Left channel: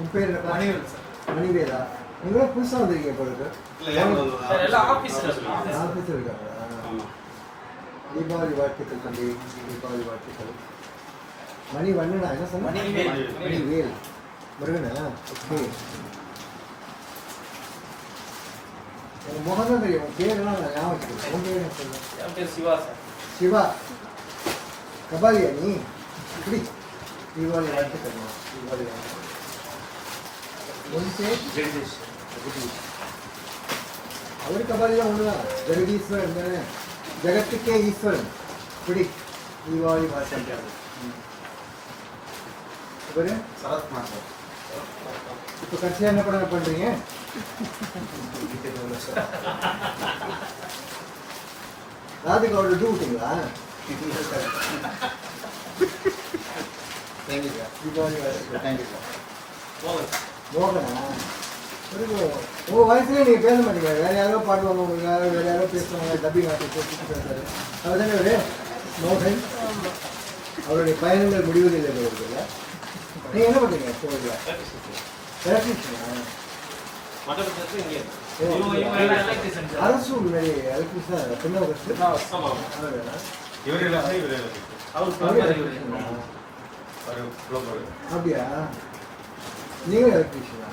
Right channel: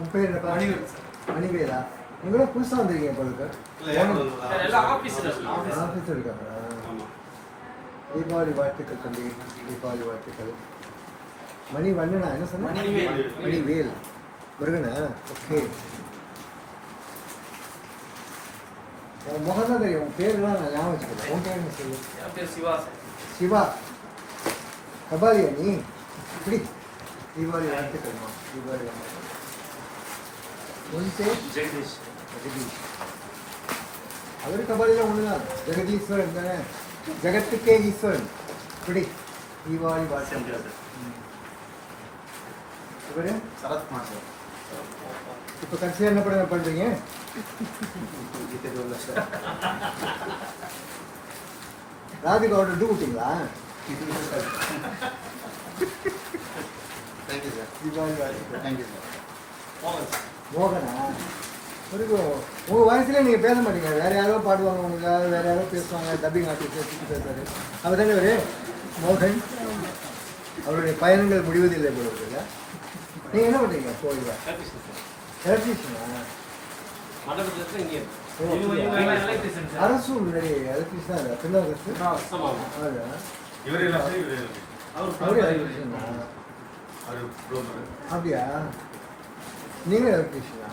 உன் பேர் என்னப்பா? மணிவேலா. நீங்களும் புதுசாக வந்திருக்கீங்க உங்களுக்கு? ஆஃபீஸில் இருக்காங்களா? தீபாவளி வாழ்த்துக்கள் தம்பி. தீபாவளி வாழ்த்துக்கள். மணி வண்ணனா என்ன சொன்ன? மணிவேல் முருகனா? ஓகே. உன் முகம் தான் தெரியும், உன் பேரெல்லாம் நான் ஞாபகம் வச்சுக்கிறேன். உன் பேர் என்ன சொல்லு? என் பேர் சிவா சார். சிவா. கபாலியா நீ? இப்படி தீபாவளி வாழ்த்துக்கள்மா. தீபாவளி வாழ்த்துக்கள். ஜெகதீஷ். ஜெகதீஷ் அவர் கபாலிலாம் ஒன்று தான். ஜெகதீஸ்வரன் தானே, ஜெகத்துக்கே ஈஸ்வரன். இப்படி தீபாவளி வாழ்த்துக்கள். இவர் சரத்குமார் சார். இப்போ கடைசியாக என்ன படம் பண்ணுறீங்க? ராதிகா அவரோட டூ விட்டீங்களா? Thank you sir. தீபாவளி வாழ்த்துக்கள். Thank you sir. மோகனா? உங்கள் வயசுலேயே நீங்கள் பேச மாட்டீங்க. வேறு யாரோ பாடுவாங்க, உனக்கு வேறு யாரோ பேசுவாங்க. டப்பிங் ஆர்டிஸ்ட் சுற்றி பேசுவாரு. அவர் தானே ஒரு மோகன். அவருடைய பயணங்கள் முடிவதில்லை போல இருக்குல்ல. நீங்கள் என்ன பண்ணுறீங்க கோயிலில்? எலக்ட்ரிஷியனா? அரசு முன்னாடி எலக்ட்ரிஷியன் சின்ன அப்படியா? நீங்கள் எலக்ட்ரிஷியனா?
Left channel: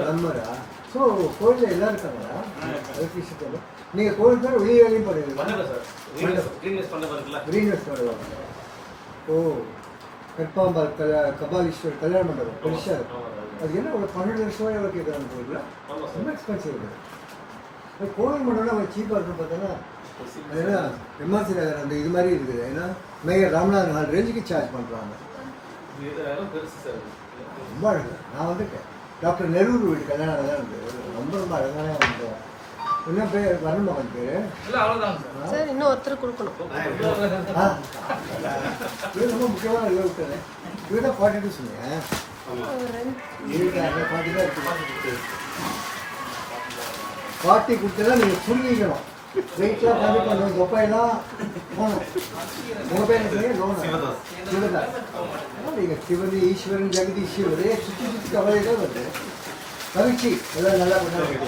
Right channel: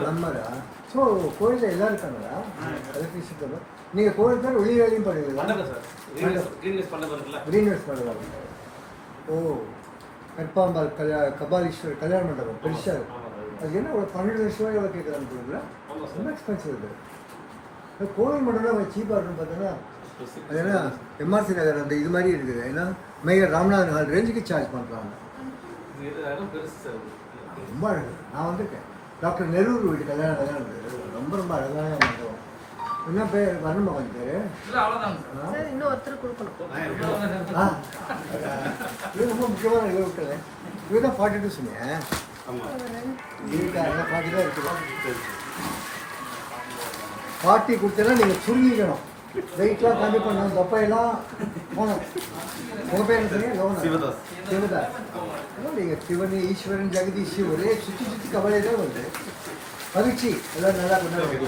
பிளம்பரா? ஸோ கோயிலில் எல்லாம் இருக்காங்களா எலக்ட்ரிஷியன்? நீங்கள் கோயில் தான் வெளியே வேலையும் பண்ணுவீங்களா? கிரீன்வெஸ்ட் பண்ணுவாங்க. ஓ, கற்பாம்பாள் கபாலீஸ்வர் கல்யாண மண்டபம் பெருசாக இருக்கும். அதுக்கு என்ன ஒரு 12 லட்சம் எவ்வளோ கேட்குறாங்க கோயிலில்? ரொம்ப எக்ஸ்பென்சிவ் இருக்குது. கோவில் மண்டபம் அவங்க சீப்பாக இருக்குன்னு பார்த்தோன்னா ஏன்னா எம்ஆர்சி நகர் அந்த இது மாதிரி இருக்குது. ஏன்னா மேயர் ராமநாதன் ஹால் ரேஞ்சுக்கு சார்ஜ் பண்ணுறாங்க. ரொம்ப அழகு. நான் வந்துட்டேன். டாக்டர் நெரூர் வீட்டு கல்யாணம் தான் இருக்குது. ரொம்ப ரொம்ப அழகான மண்டபம். என்ன பேர்? வர்ணமோகன் பேர். இன்னும் ஒருத்தர் கொடுக்கணும். இது ரொம்ப முக்கியமான இது விட்டுறேன். இதுதான் 42 சொன்னீங்க. இருக்காங்க 40 தான் இருக்குது. 40 கொடுத்தனா நீங்கள் சுருங்கிக்கணும். வெயிட்லாம் கம்மி பண்ணணும். தொப்பையெல்லாம் போகணும். உங்கள் பேர் என்ன? லோனா? சிவதாஸ். நீங்கள் சிவன் ஈஸ்வரன் ஜெகதீஷ் ஒரே சுற்றி சுற்றி கவலையில் வருது. மகிழ்ச்சி. எல்லாம் நல்லா கொண்டாடுறது.